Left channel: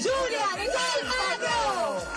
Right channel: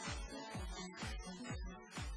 Giulia Del Magro!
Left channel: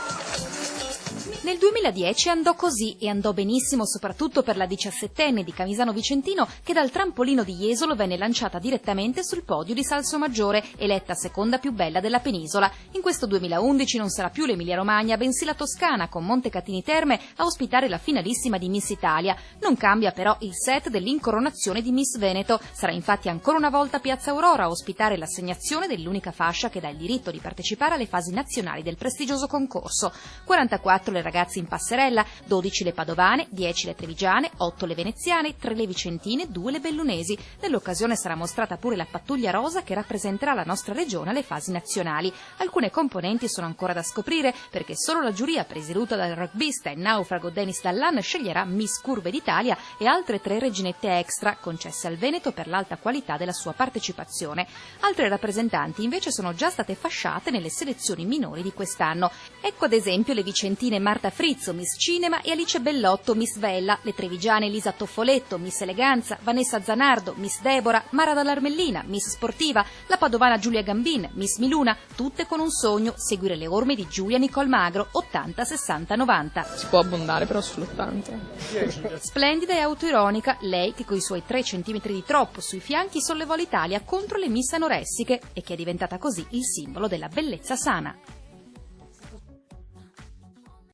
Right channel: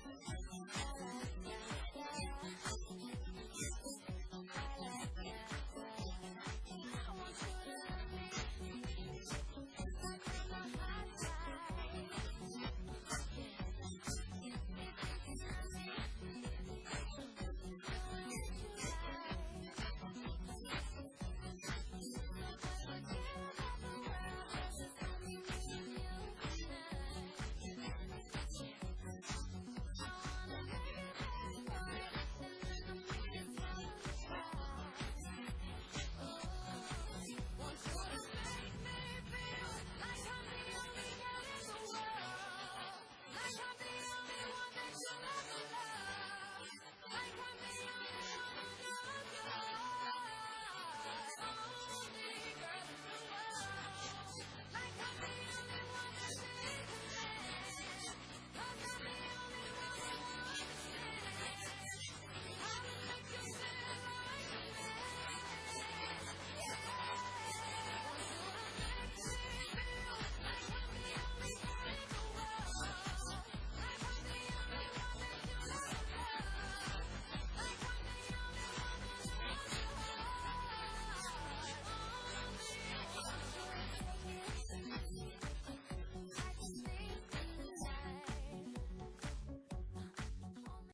Nel 2010 andò così e andò benissimo soprattutto per la 17enne di Camisano Vicentino che dal trampolino di Jesolo venne lanciata direttamente sul podio di Salsomaggiore, eletta seconda più bella della penisola. In questo 2011 non sarà più l'Emilia Romagna, bensì la Toscana, con Montecatini Terme a ospitare la finalissima di Miss Italia. Non cambia però il set dell'incoronazione di Miss Veneto. Sarà infatti ancora una volta Piazza Aurora a ospitare l'assegnazione dell'unica fascia che dà il diritto di partecipare alle fasi nazionali del prestigioso concorso. 44 le ragazze in passerella, 12 le padovane, 10 le trevigiane, 8 le veneziane, 3 le vicentine, 2 le bellunesi. Nell'occasione sarà mostrata pure la pattuglia rosa che rappresenterà la nostra regione alle fasi nazionali. Alcune componenti sono ancora da scoprire perché solo la giuria, presieduta dal rugbista e naufrago Denis Dallan, sceglierà Miss Curve d'Italia e altre 3 reginette extra concesse al Veneto per l'alta qualità della sua partecipazione. Altre rappresentanti invece sono già state fasciate nelle selezioni minori di quest'anno. Ecco ad esempio le vicentine Marta Frizzo, Miss Cinema, e Alice Bellotto, Miss Vella, le trevigiane Elisa Toffoletto, Miss Eleganza, Vanessa Zanardo, Miss Debora, Mara Dall'Armellina, Miss Sportiva, la padovana Giulia Gambin, Miss Miluna, tutte con un sogno: seguire le orme di Giulia Nicol Magro, 80, 60, 90. Si può abbondare però sull'80. Splendida e autoironica, lei che coi suoi 3 centimetri di troppo sui fianchi sollevò l'Italia contro le Miss anoressiche e che è diventata così il simbolo della bellezza sana.